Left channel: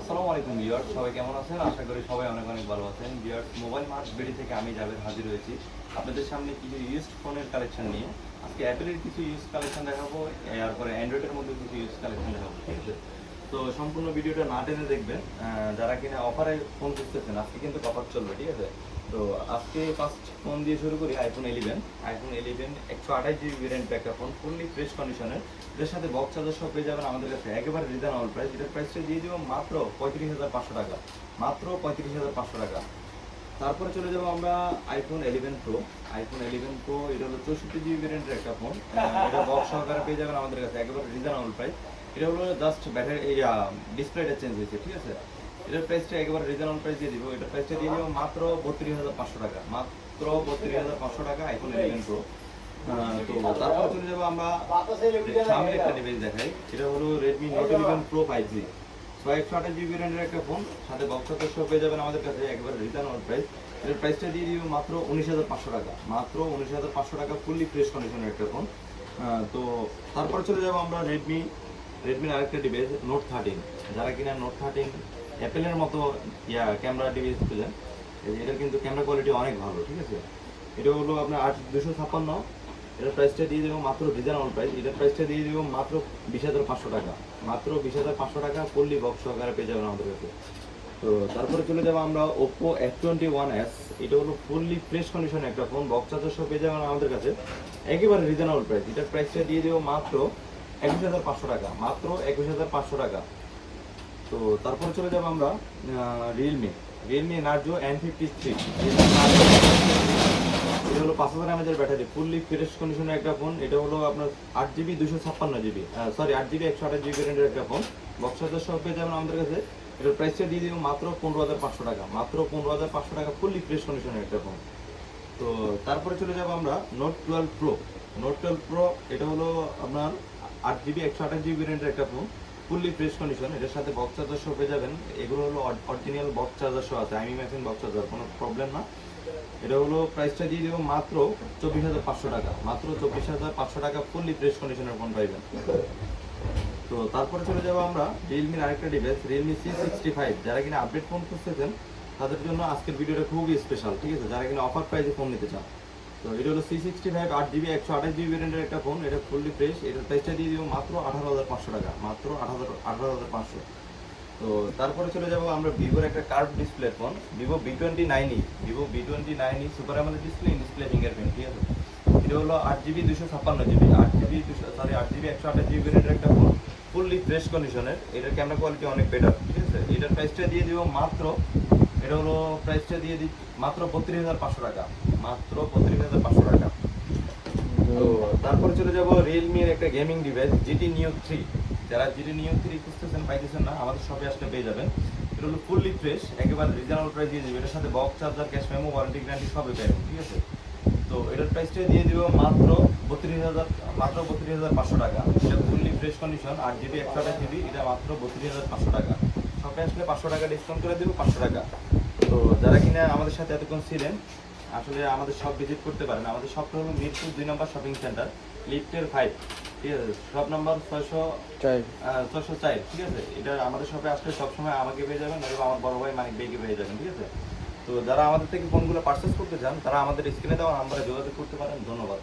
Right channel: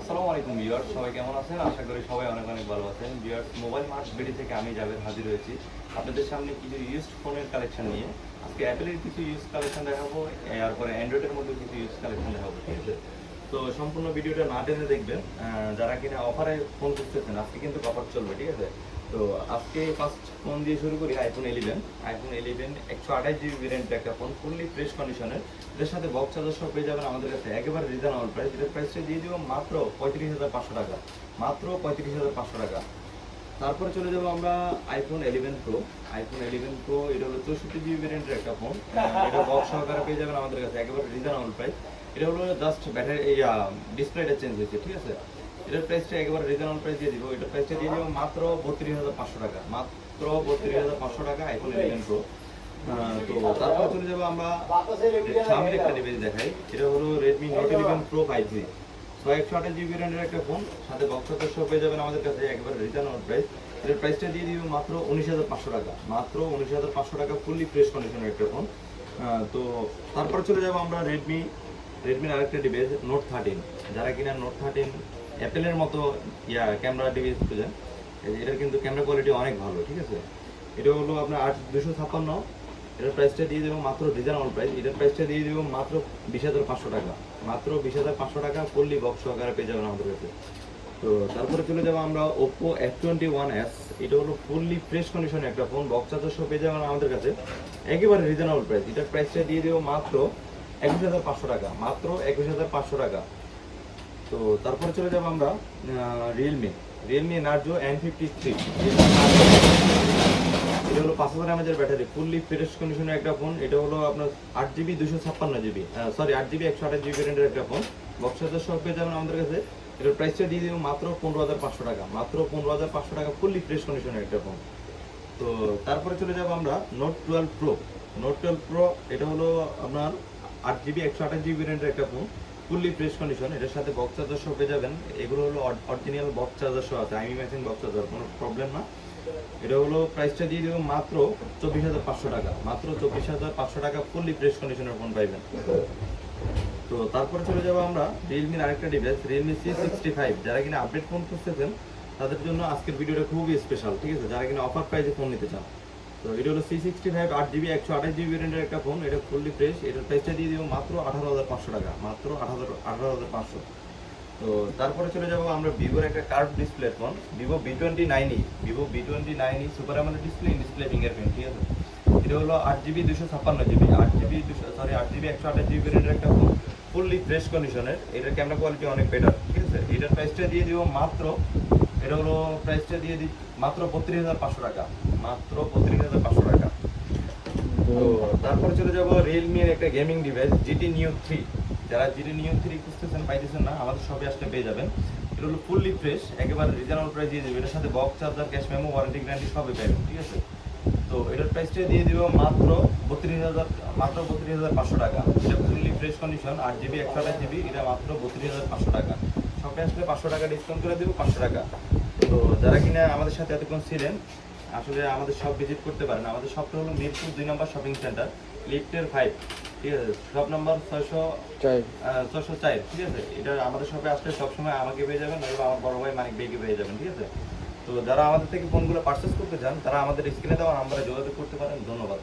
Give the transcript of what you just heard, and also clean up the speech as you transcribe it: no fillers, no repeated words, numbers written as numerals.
আসসালামু আলাইকুম ভিউয়ার্স, সবাই কেমন আছেন? আশা করি সবাই অনেক অনেক ভালো আছেন। ভিউয়ার্স, মোবাইল মার্ট বিডি থেকে আমি জাভেদ হাজির হয়েছি আপনাদের সামনে কিছু ইউজড ফোনের কালেকশন নিয়ে। আজকে অ্যাপেলের কিছু ইউজ কালেকশন দেখাবো, এরপরে অ্যান্ড্রয়েডের মধ্যে কিছু ইউজ কালেকশন দেখাবো, ঠিক আছে? তো সম্পূর্ণ ভিডিওটা না টেনে দেখবেন। যারা কিনা অফারে ফোন খুঁজতেছেন, আজকে কিন্তু অফার চলবে, ঠিক আছে? তো আজকে ফার্স্ট ফোন দিয়ে শুরু করি। আইফোন 11 128GB ভেরিয়েন্টের একটা ফোন, ফুললি ফ্রেশ কন্ডিশনের। এর সাথে বক্স চার্জার সহ পেয়ে যাবেন আমাদের কাছে একেবারে রিজনেবল প্রাইস। এটার প্রাইসটা দিয়ে দিব মাত্র 35,500 টাকা, মাত্র 35,500 টাকা। তারপরে চলে যাবো আমরা আইফোন 11 প্রো। এটা হলো 64GB ভেরিয়েন্টের একটা ফোন। এটা বক্স সহকারে পেয়ে যাবেন আমাদের কাছে একেবারে রিজনেবল প্রাইস। এটা হলো জাস্ট ব্যাটারি ডিসপ্লেটা চেঞ্জ হয়েছে, ঠিক আছে? এটার প্রাইসটা একেবারে রিজনেবল প্রাইস দিয়ে দিব। এটার প্রাইসটা দিয়ে দিব মাত্র 32,500 টাকা, মাত্র 32,500 টাকা আইফোন 11 প্রো। তো তারপরে চলে যাবো আমরা সামনে একটা ডিভাইস দেখাই। এটা হলো Redmi note 11 pro 5G 128GB ভেরিয়েন্টের একটা ফোন, সাথে বক্স চার্জার সহ পেয়ে যাবেন আমাদের কাছে একেবারে রিজনেবল প্রাইস। এটার প্রাইসটা দিয়ে দিব মাত্র 19,500 টাকা, মাত্র 19,500 টাকা, ফুললি ফ্রেশ কন্ডিশনের একটা ফোন। তো তারপরে চলে যাবো আমরা রেডমির আরেকটা ডিভাইস নোট 13। যারা কিনা নোট 13 অ্যাপেলের মতো ক্যামেরা ডিভাইস খুঁজেন, এটার কিন্তু ক্যামেরা কোয়ালিটি অনেক ভালো, ঠিক আছে? এটা হলো আপনার 8256। এটার প্রাইসটা দিয়ে দেবো মাত্র রিজনেবল প্রাইস। এটার প্রাইসটা দিয়ে দেবো মাত্র 20,500 টাকা, মাত্র 20,500 টাকা, ফুললি বক্স সহকারে পেয়ে যাবেন আমাদের কাছে। তো তারপরে চলে যাবো আমরা ওপ্পো F21s। এটা হলো ফুললি ফ্রেশ কন্ডিশনের একটা ফোন, বক্স চার্জার সহ পেয়ে যাবেন আমাদের কাছে একেবারে রিজনেবল প্রাইস। এটার প্রাইসটা দিয়ে দেবো মাত্র 21,500 টাকা, মাত্র 21,500 টাকা। তো তারপরে চলে যাবো আমরা রিয়েলমি নার্জো N53। এটা হলো 5000 mAh ব্যাটারি, ফুললি ফ্রেশ কন্ডিশনের একটা ফোন। এটা হলো আপনার 8GB 256GB, sorry 8GB 128GB ভেরিয়েন্টের একটা ফোন, বক্স চার্জার সহ পেয়ে যাবেন আমাদের কাছে। এটার প্রাইসটা দিয়ে দিব মাত্র 15,500 টাকা, মাত্র 15,500 টাকা, ফুললি ফ্রেশ কন্ডিশনের একটা ফোন। তো তারপরে চলে যাবো আমরা নোট 12 প্রো। এটা হলো আপনার 8GB 128GB ভেরিয়েন্টের একটা ফোন, ফুললি ফ্রেশ কন্ডিশন। এটার সাথে বক্স চার্জার সহ পেয়ে যাবেন। এগুলো হলো অরিজিনাল বক্স চার্জার সহ আছে, আইমি মেশিন বক্স চার্জার, কোনো প্রবলেম না। এটা হলো প্রাইসটা দিয়ে দিব মাত্র 24,500 টাকা, মাত্র 24,500 টাকা, ফুললি ফ্রেশ কন্ডিশনের ফোন পাইবেন। তো তারপরে চলে যাবো আমরা রিয়েলমির আরেকটা ডিভাইস, রিয়েলমি C65। যারা কিনা আপডেট ফোন খুঁজতেছেন তাদের জন্য আজকের ভিডিওটা খুবই স্পেশাল, ঠিক আছে? যারা কিনা অফার প্রাইসে ফোন নিতে চান, তো এটা হলো C65 8GB 128GB ভেরিয়েন্টের একটা ফোন। এটা ফুললি ফ্রেশ। এটার প্রাইসটা দিয়ে দিব মাত্র 18,500 টাকা, মাত্র 18,500। তো তারপরে চলে যাবো আমরা ভিভোর একটা curve display phone, Vivo V29 super AMOLED display fingerprint, ঠিক আছে? এটা হলো 8GB 256GB 8GB 128GB ভেরিয়েন্টের একটা ফোন, ফুললি ফ্রেশ কন্ডিশনের। এটার ক্যামেরা কোয়ালিটি অনেক বেটার, ঠিক আছে? এটার প্রাইসটা দিয়ে দিব মাত্র, এটা হলো প্রাইসটা দিয়ে দিই মাত্র 32,500 টাকা, মাত্র 32,500 টাকা। তো তারপরে চলে যাবো রিয়েলমির একটা গেমিং ডিভাইস GT Neo 3। যারা GT Neo 3 খুঁজতেছেন, পাইতেছেন না, আমাদের শপে আসলে পেয়ে যাবেন। এটা হলো ফুললি ফ্রেশ, একেবারে রিজনেবল প্রাইস দিয়ে দেবে। এটার সাথে box charger, cash memo, warranty guarantee সবই পাবেন, ঠিক আছে? তো এটার প্রাইসটা দিয়ে দিব মাত্র 32,500 টাকা। এটা fully fresh condition, 8GB 128GB, এটা মাত্র 32,500 টাকা। শপে আসলে 500 টাকা ডিসকাউন্ট করে দিব, 500 টাকা। তো যারা কিনা আমাদের সাথে এতক্ষণ ছিলেন, আসলে আমাদের সব ভিজিট করতে পারেন। আমাদের সবটা হলো মিরপুর 2 নম্বর শপিং সেন্টার, লিফটের 5, ঠিক আছে? শপ নাম্বার 604, ঠিক আছে? এটা আমাদের শপে আসলে সবসময় আমাকে পেয়ে যাবেন, অথবা আমার বড় ভাই মানিক ভাইকে পেয়ে যাবেন, ঠিক আছে? তো যারা আমাদের থেকে ফোনগুলো পারচেস করতে চান, তারা আমাদের স্ক্রিনে দেওয়া নাম্বারে যোগাযোগ করতে পারেন। ধন্যবাদ।